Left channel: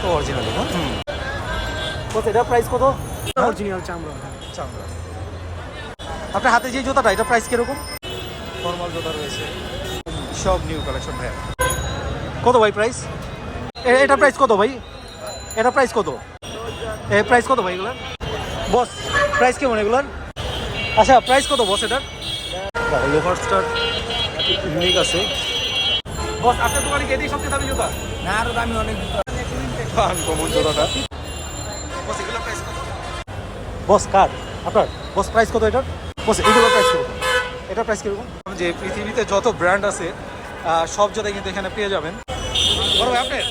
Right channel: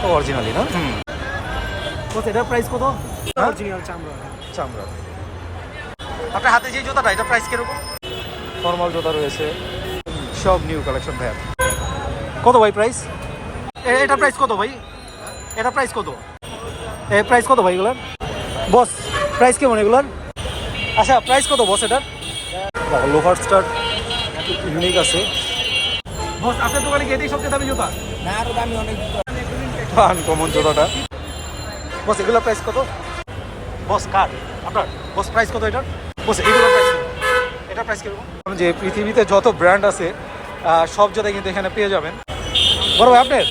তো অরিজিনালি না হুম। কত এটার প্রাইস কত? হ্যাঁ? অরিজিনাল চামড়া। চামড়া। আপনার হাতে যে জুতাটা এটা প্রাইস কীরকম? ফর্মাল জুতা রয়েছে। সব নিউ কালেকশন ভাই কত ভাই প্রাইস এটা প্রাইস কত ভাই? এটা প্রাইস কত? এ প্রাইস কত ভাই এগুলার? বস প্রাইস কেমন এগুলার? আচ্ছা প্রাইস কত বস এটার? লোহার স্টার ইউনিক আছে। বস আপনার দোকানে দিই সবচেয়ে দামি জুতা? না আরও দামি অনেক আনকমন জুতাটা। বস এগুলোর প্রাইস কত? বস কার? আপনার? বস প্রাইস কত এটার? বস এগুলোর প্রাইস কত? এটার প্রাইস কীরকম? যে পৃথিবীতে যত ব্র্যান্ড আছে সব জুতাই কিন্তু এখানে পেয়ে যাবেন। বড় ভাই আপনার?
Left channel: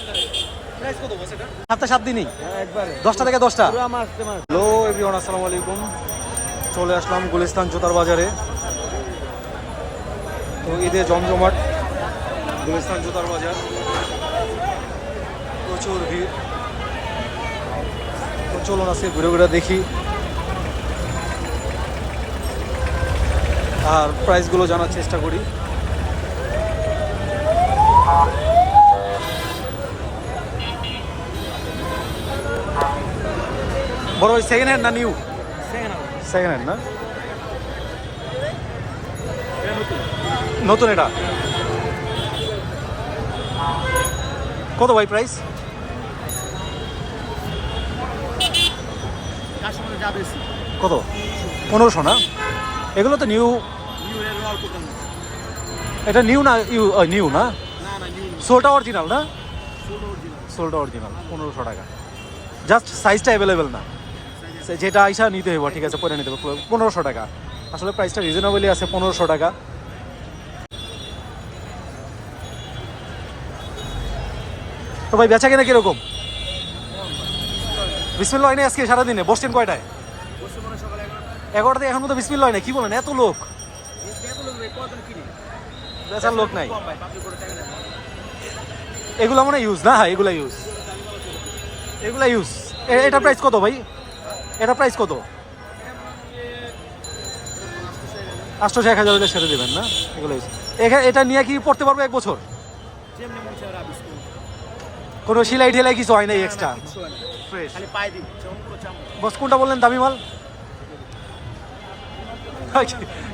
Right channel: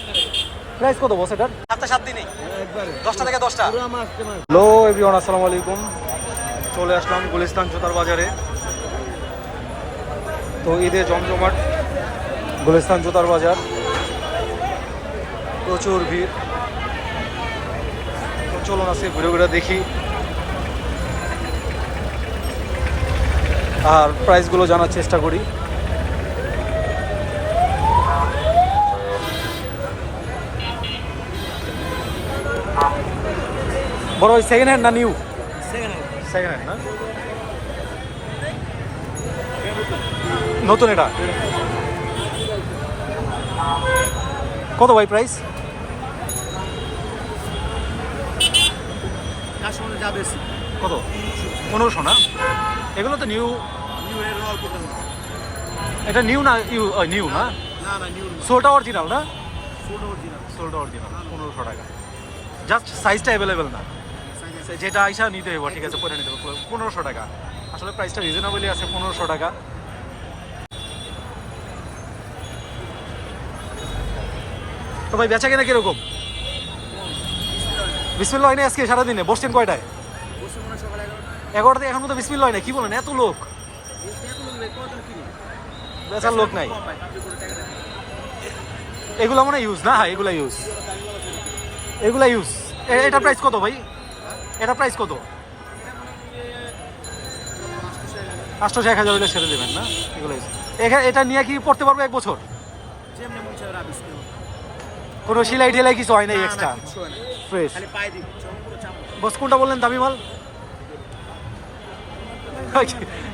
প্রাইস কত বস এটার? সাতটা সাত দিনই। একবারে। দশটা থেকে দশটা। পুরো মাস তোমার হ্যালো এভরিওয়ান আসসালামু আলাইকুম। চলে আসলাম গুলিস্তান জুতার বাজারে। তো ঈদে জমজমাট গুলিস্তান জুতার বাজার। প্রচুর ভিড়। তো চলুন আজকে ঘুরে ঘুরে দেখি। আর প্রাইসগুলো জানার চেষ্টা করি। বড় ওই সেকেন্ড হ্যান্ড না নিউ সেকেন্ড হ্যান্ড না? নতুন এটা? কত ভাই প্রাইস কত? পনেরোশো না? এগুলো তো নিউ এটা নিউ না ইউ নিউ না? সোলটা অরিজিনাল না? সোলটা অরিজিনাল পনেরোশো টাকা। জাস্ট সাইজটা অ্যাভেলেবেল না। যেটা আইসা নিতে হইব ঠিক আছে পরে নিতে হবে পনেরোশো টাকা। আসলে প্রাইসটা রিজনেবলই আছে পনেরোশো টাকা। তো ভাই বেচা কিনা কীরকম? বিসমিল্লা হয় না আজকে সারাদিনে? বসছেন কয়টায়? এগারোটাতে এখন মতো বিসমিল্লা হয় না কি বলেন এত লোক? বেচার লোক নাই। এগুলো মনে ইউজ না? হ্যাঁ এগুলা ইউজ এগুলা ইউজ এটা প্রাইস কত ভাই? এটা প্রাইস কত? আটশোশো এক হাজার হলে ছেড়ে দেবেন না? এগুলো ইউজ এটা নিয়ে কি পড়তে পারব এক বছর? কোনো সিলাই টিলাই কিছু হয় নাই এক্সট্রা ফ্রেশ বস কোনটা বললেন দামি মাল?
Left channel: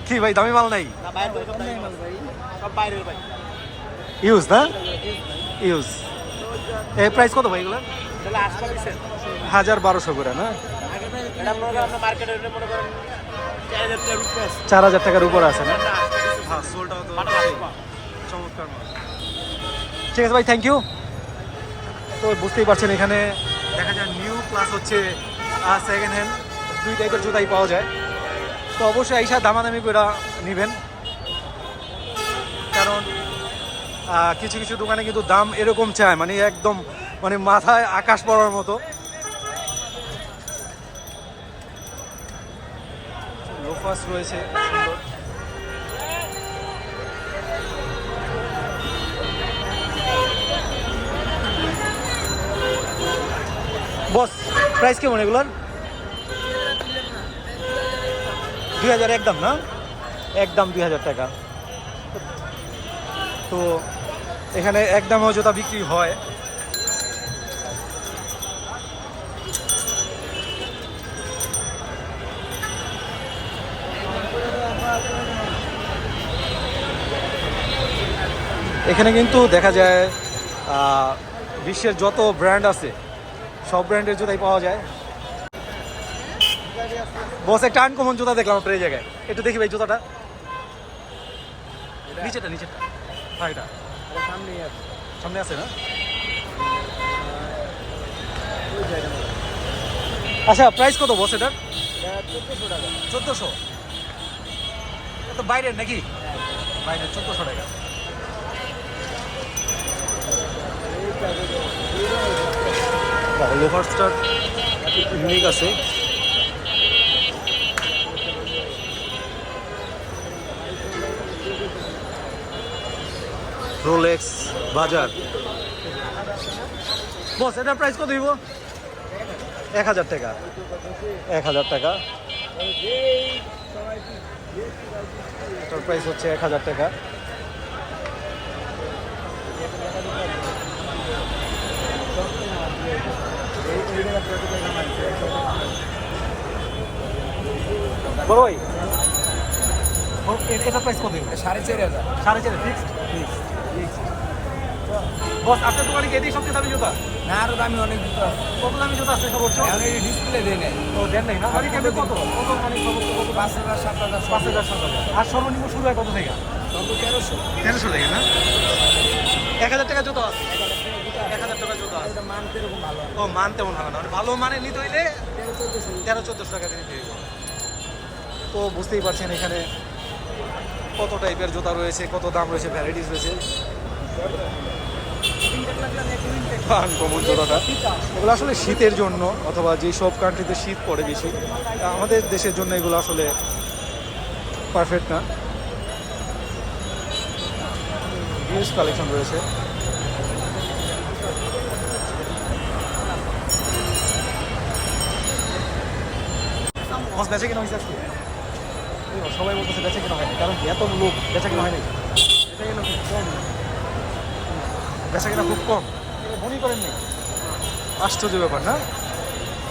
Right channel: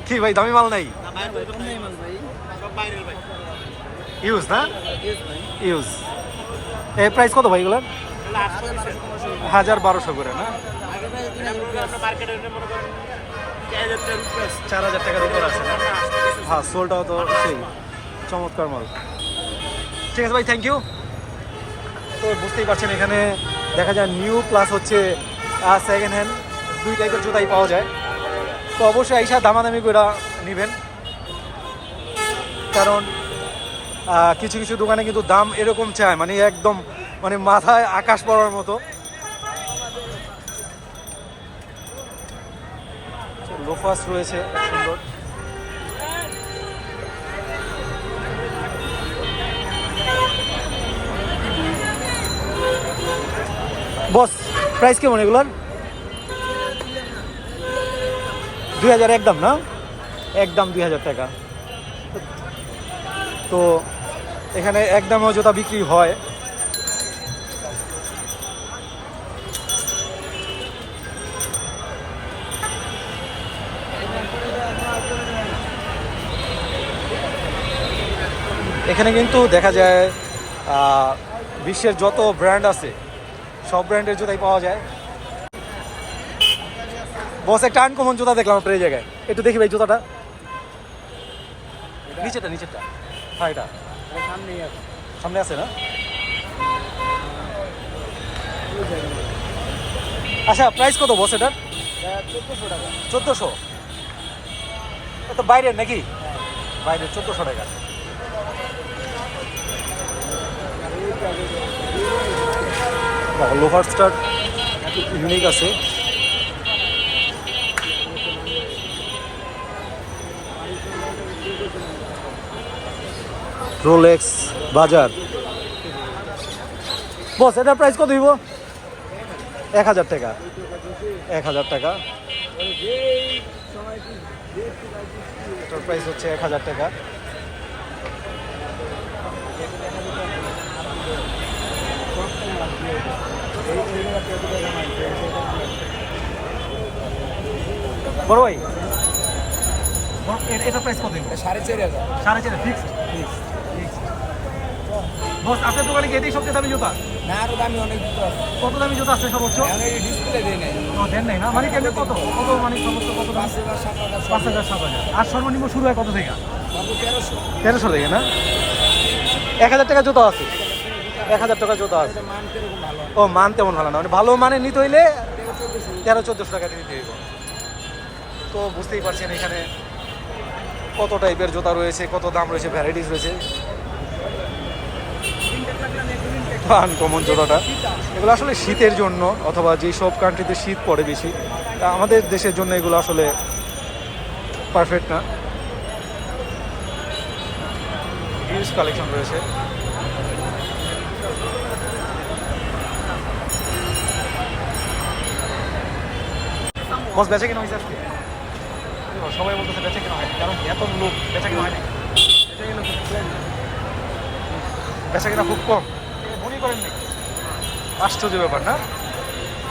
কি ভাই, দামি মাল নাই? ইউজ না? ইউজ এ প্রাইস কত ভাই পিসের হাজার বারোশো করে, না? চার হাজার টাকার উপর আছে, না? হ্যাঁ সোলটাও তো সেই, চমৎকার মাল। ঠিক আছে ভাই থ্যাংক ইউ তো বুঝতেই পারছেন এখানে দেখা যায় নিউ প্লাস হচ্ছে সেকেন্ড হ্যান্ড দুই টাইপের জুতাই পাওয়া যায়। তো অবশ্যই এইসব দামাদামি করে নেবেন। কারণ কিছু কিছু দোকানে কিন্তু দাম এরকম চায় মানে একদম মানে মাথায় আকাশ পড়ার মতো। লোফাস রয়েছে সুন্দর। বস প্রাইস কেমন এগুলোর? দুই হাজার একদম, না? একদম দুই হাজার টাকা। তো এখানে একদমও জুতা বিক্রি হয়। এখানে কিন্তু দেখা যায় বিশ্বের যত ব্র্যান্ড আছে, সব ব্র্যান্ডের জুতাই পাওয়া যায়। বস একটা আনকমন জুতা দেখলাম আপনার এই জায়গায়। একটু দেখি ভাই জুতাটা। নিচেটা নিচেরটা। হ্যাঁ এটা। সামনে আছে না? আচ্ছা প্রাইস কত বস এটার? চোদ্দোশো। এত বাইরের নাকি? বাইরের চোদ্দোশো টাকা। লোহার স্টার ইউনিক আছে। রোলেক্স বাজার। বস, এটার প্রাইস কত দিব এক হাজার টাকা। এক হাজার টাকা। এটার প্রাইস হচ্ছে এক হাজার টাকা। বড় ভাই এটা প্রাইস কত সাড়ে চারি হাজার। সাড়ে চার ফিক্সড বস আপনার দোকানে কি এটাই সবচেয়ে দামি জুতা? না আরও দামি অনেক জুতো আছে। কত দামি জুতা আছে সর্বোচ্চ আমি ডিসপ্লে দিই নাই। ও দেন নাই না? মানে কেমন কত? কত মানে সর্বোচ্চ কত পাঁচ হাজার সাত হাজার পাঁচ হাজার সাত হাজার। আর সর্বনিম্ন শুরু হয় কত থেকে? তেরোশো। তেরোশো থেকে না? এক হাজার টাকা জুতো আছে। এক হাজার টাকা জুতো আছে। ও মান তেমন ভালো না। মানে ভালো মানে নিতে হইলে তেরো চোদ্দশো টাকা নিতে হইব। তো বুঝতেই পারছেন এখানে কত টাইপের জুতা রয়েছে, কত দাম রয়েছে ভ্যারাইটিস রয়েছে? আনকমন জুতাটা। এগুলো আসলে শীতের জন্য অথবা যেই সব কান্ট্রিতে শীত পড়ে বেশি আমাদের দেশের জন্য এগুলো আসলে পারফেক্ট না। কালেকশন রয়েছে। বস বেচে কিনা আজকে সবাই বলতেছে বেচে কিনা হয়নি কারণ এত লোক বেচে কিনা হয়নি। বেচা কিনা খুব কম। বনি করেন না। আশ্চর্য ব্যাপার না?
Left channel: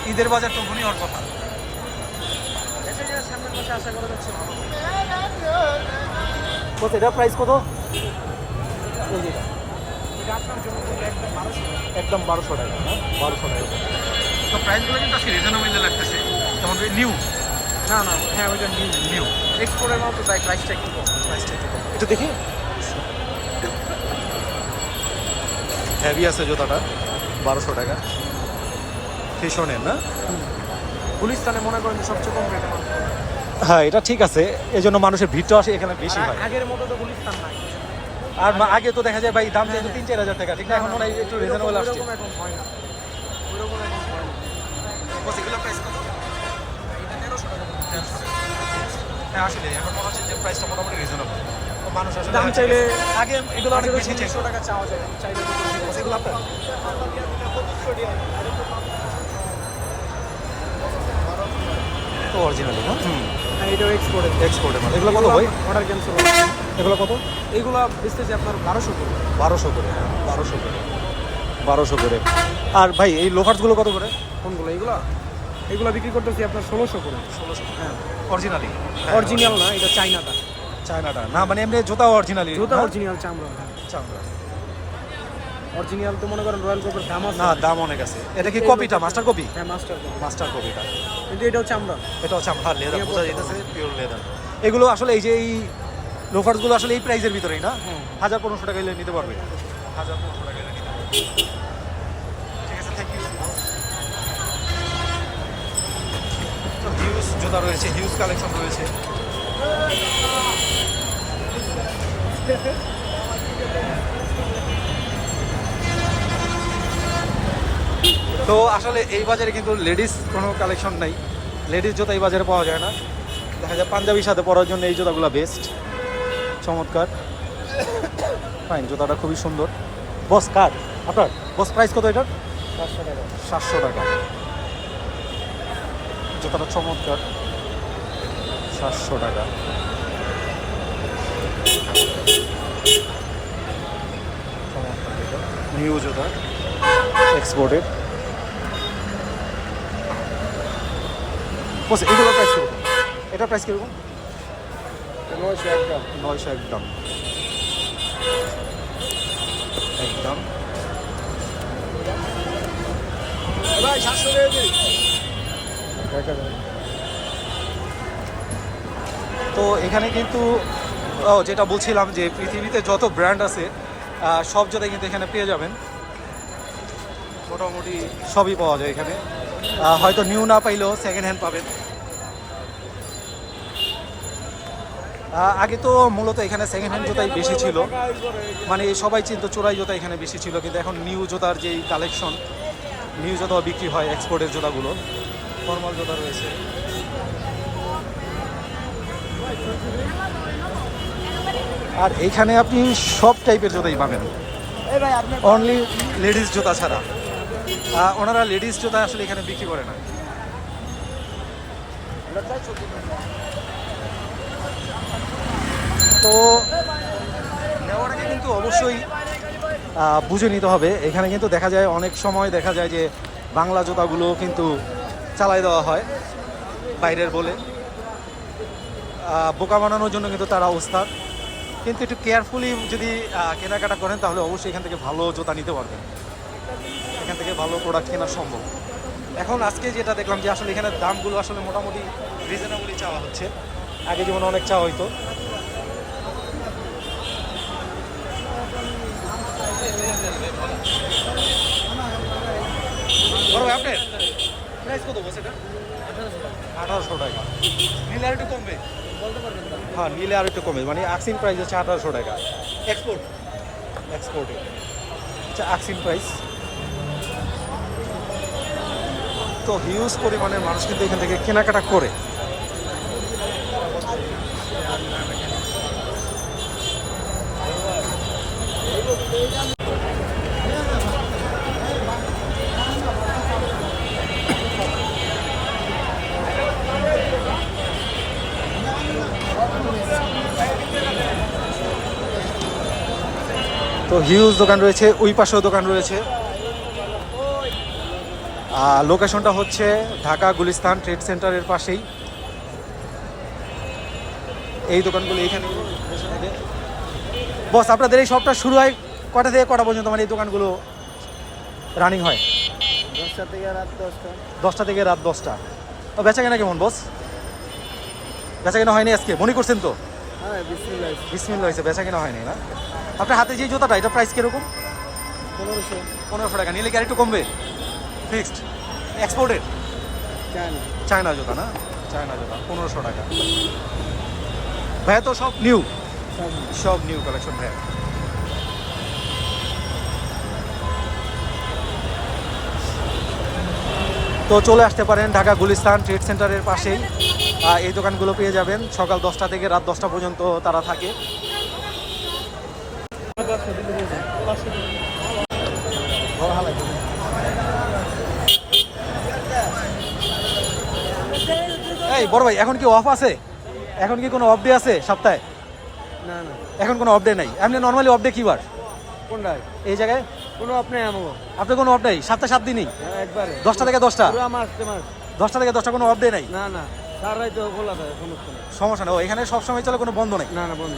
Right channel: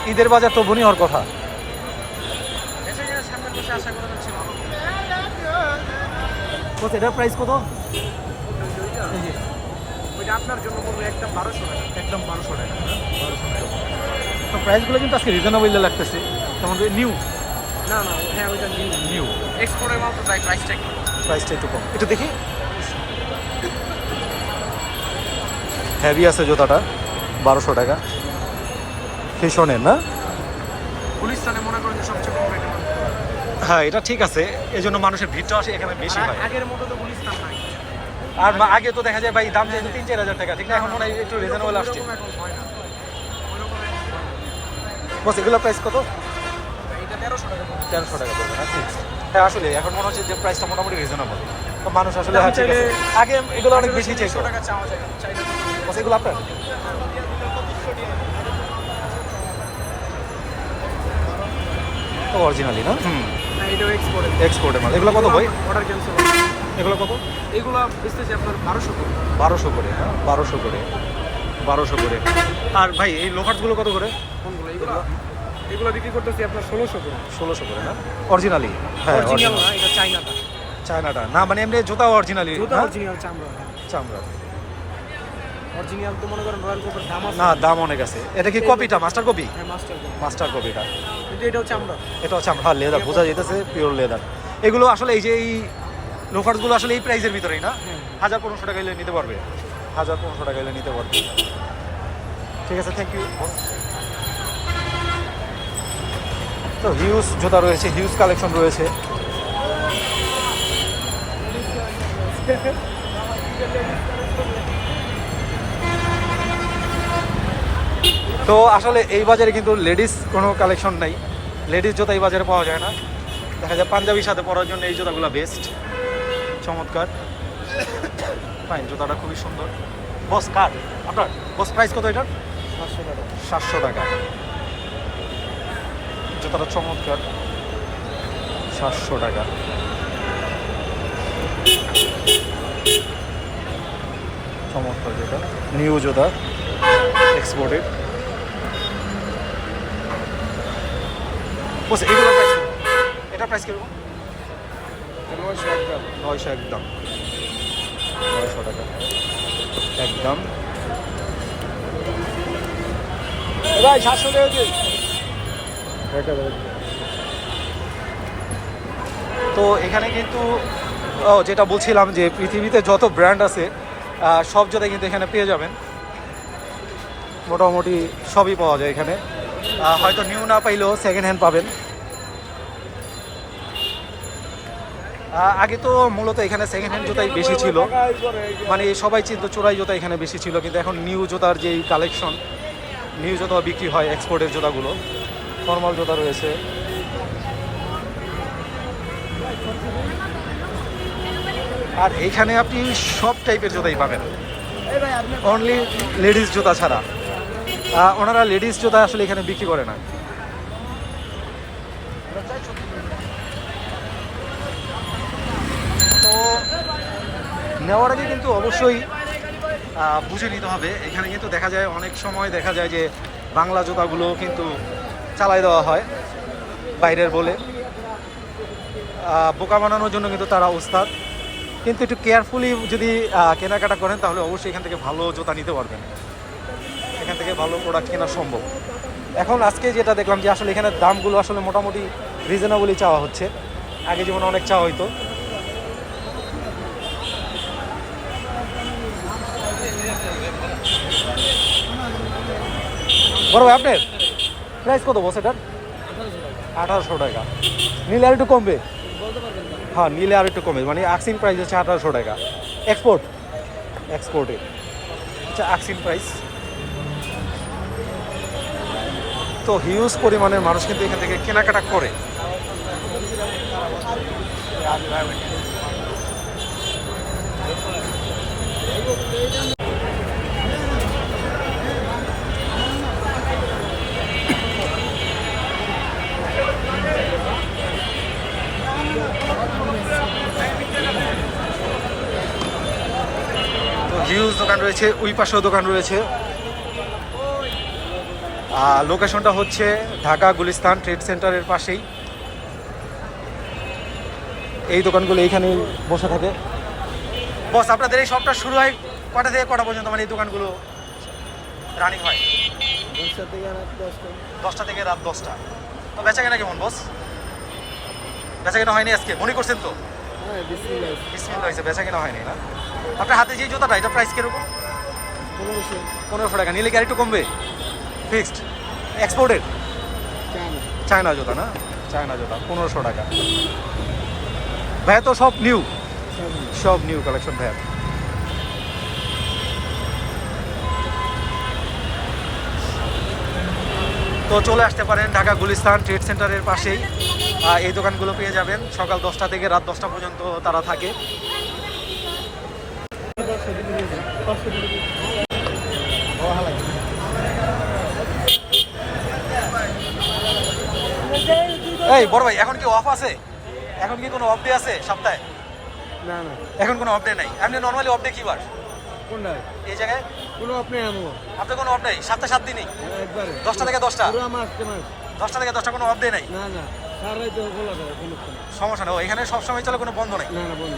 ঈদের বাজার তো বনি হওয়ার কথা। কত এটার প্রাইস কত? এটা। একদম বারোশো টাকা হ্যাঁ? বারোশো টাকা। তো প্রাইসগুলো কিন্তু আজকে রিজনেবল লাগতেছে। যেমন নিউ। নিউ এক্সপোর্টের মাল তো তাই প্রাইসটা একটু প্রাইসটা একটু কম। একটু দেখি। হেভি আছে জুতাটা। বারোশো টাকা। ফিশনের না? পুলিশ তাহলে মনে করেন সবচেয়ে কম হ্যাঁ এটা ঠিক আছে। এই জন্য মানুষের ভিড়টা আসে এখানে বেশি হয়। আগের মতো তো নাই। আর আগে তো দেখা যায় ভাই দাম চাইতো তিন চার হাজার টাকা ঠিক না? এখন মনে হয় একটু রিজনেবল আসছে। বস এগুলোর প্রাইস কত? তেরোশো টাকা পড়বে। তেরোশো টাকা পড়বে না হ্যাঁ আসলে এখন মনে হচ্ছে যে প্রাইসটা মোটামুটি রিজনেবল তো মানুষ আসলে আগে এগুলো অনেক বেশি চাইতো। টাকা চাওয়া যায়। চাইলে এগুলো আপনার? তো অরিজিনালি না? হুম। হ্যাঁ, এক্সপোর্ট এক্সপোর্টের মাল। এগুলো কত ভাই? অর্ডার এগুলো কত? আপনার বারোশো বারোশো করে হ্যাঁ? বারোশো করে। বারোশো করে। আর ভাই এই লোফার্সগুলো কত করে? কোনগুলো এগুলো বিক্রি করতেছি আপনার ষোলোশো করে। ষোলোশো করে না? অরিজিনালি হ্যাঁ অরিজিনাল এটা চাইনাটা চায়নাটা। না মানে এমনি জুতা অরিজিনালি জুতো হ্যাঁ? অরিজিনাল চামড়া চামড়া। অরিজিনাল তো মনে করেন রয়্যাল কোপের দাম না দাম অনেক আছে। এটা কি কপিটা মাস্টার কপি হ্যাঁ মাস্টার মাস্টার কপিটা কিন্তু এটাও চামড়া। লেদার বোঝা যেতেছে পিওর লেদার এগুলো আসলে এই যে এই আসলে এই প্রাইসের ভিতরেই না? হ্যাঁ। হাজার পনেরোশো টাকা নিতে পারবে। হাজার পনেরোশো টাকা নিতে পারবে। ঠিক আছে থ্যাংক ইউ তো হিউজ জুতা রয়েছে হিউজ কালেকশন রয়েছে। তো আসলে এই বাজারে কিন্তু লেডিস কোনো কালেকশন নাই। লেডিস জুতা এই বাজারে পাওয়া যায় না। দেখা যায় পাঞ্জাবির সাথে পরার জন্য এই জুতাগুলো বেস্ট চমৎকার। ফাইন জুতাটা খুবই সুন্দর। বস কার আপনার বস প্রাইস কত এটার? পাঁচশো টাকা। সাতশো টাকা। জুতাটা চমৎকার। সাতশো টাকা। চমৎকার জুতা নিউ জুতা এক্সপোর্টেড বস এগুলো প্রাইস এটা প্রাইস কীরকম? নয়শো একদম। নয়শো একদম। নয়শো টাকা। একদম। তো এখানে কিন্তু যেটা বলছিলাম যে পৃথিবীতে যত ব্র্যান্ড আছে সব জোতাই কিন্তু এখানে পেয়ে যাবেন। মোটামুটি সবই পাওয়া যায় এখানে। হয়তো নিউ না পাইলেও সেকেন্ড হ্যান্ড পাবেন। আগে তো মূলত এখানে সেকেন্ড হ্যান্ড জুতাই বেশি ছিল। মানে সবাই চিন্তা চোরাই জুতা এখানে বেশি ছিল, কিন্তু এখন নিউ জুতার যেই কালেকশন নিউ জুতা বিক্রি হয় এক্সপোর্টের জুতাগুলো। ফর্মাল জুতা রয়েছে। আর এইখানে আপনি সব টাইপের জুতাই পাবেন। অনলি লেডিস জুতা ছাড়া। ওনারা লেডিস জুতা আসলে এখানে বিক্রি করে না। তো নেওয়ার আগে কিন্তু অবশ্যই বুঝে নিতে হবে। এখানে কিন্তু দেখা যায়, অনেক সময় দেখা যায় যে বাংলা জুতাগুলো কিন্তু চালাই দেওয়া হয় বাইরের বলে। বোকা বানানোর জন্য কিন্তু তারা ওস্তাদ। কিন্তু একটু কেয়ারফুলি যদি কেনাকাটা করেন, তাহলে অবশ্যই এখান থেকে ভালো জুতা নিতে পারবেন। এখান থেকে ভালো প্রোডাক্ট কেনা সম্ভব। এখন আজকে যেটা দেখলাম যে আসলে এখানে দামগুলো আসলে মোটামুটি রিজনেবলই চাওয়া হচ্ছে। আগে যেমন অনেক চাওয়া হইতো। বড় আপনার? প্রাইস কত বস এটার? আঠারোশো টাকা। নিলে আর একটু কমবে? হ্যাঁ নিলে আর একটু কমবে। মানে আক্সিন প্রাইস হচ্ছে আঠারোশো টাকা। এক্সপোর্ট এক্সপোর্টে আচ্ছা আক্সিন প্রাইস তো হিউজ পরিমাণের মানুষ কিন্তু এখান থেকে কেনাকাটা করে। তো হিউজ দোকান রয়েছে ওই পাশেও দোকান রয়েছে। আর লোকেশনটা হচ্ছে ঢাকা গুলিস্তান ট্রেড সেন্টারের পাশেই। এই দোকানগুলো এইখানে বসে থাকে। বস আপনাদের এই শপটা শুরু হয় কটা থেকে কটা পর্যন্ত? মানে এই দোকানগুলো রানিং হয়? দশটা থেকে রাত দশটা। দশটা থেকে রাত দশটা। তো বেচা কেনা কেমন বস? বেচা কেনা হয়নি আজকে? মনে করছেন তো? হ্যাঁ বিসমিল্লা হয়েছে বেচা কেনা হয়নি না? আপনার হাতে যে জুতাটা এটা প্রাইস কীরকম? পনেরোশো। পনেরোশো টাকা। নিলে কি আরেকটু কমবে? ফিক্সড এক্সপোর্টেড চান চায়না জুতা না? চায়না জুতা পনেরোশো টাকা। ভাইয়া তো সব নিউ সব নিউ কালেকশন ভাইয়া। তো চলে আসতে পারেন ঢাকা গুলিস্তান ট্রেড সেন্টারের পাশেই। এই দোকানগুলো পেয়ে যাবেন। সকাল দশটা থেকে রাত দশটা পর্যন্ত তারা থাকে। এই বড় ভাই এখন কি অফ আছে? এখন কি কোনো অফ ডে আছে সপ্তাহে? না না। এখন কোনো অফ ডে নাই। এমনি নর্মালি অফ ডে কি বার কোনটা এই জায়গায়? কোনো অফ নেই আনব আপনার কোনো অফ নেই? সাতটা সাত দিনই? একবারে। দশটা থেকে দশটা? পুরো মাস দশটা থেকে দশটা কোনো অফ ডে নাই? না না। সারাই তো খোলা থাকে কোনো সমস্যা নেই। এখানে সবসময় চলে কোনো বন্ধ নেই? না না বন্ধ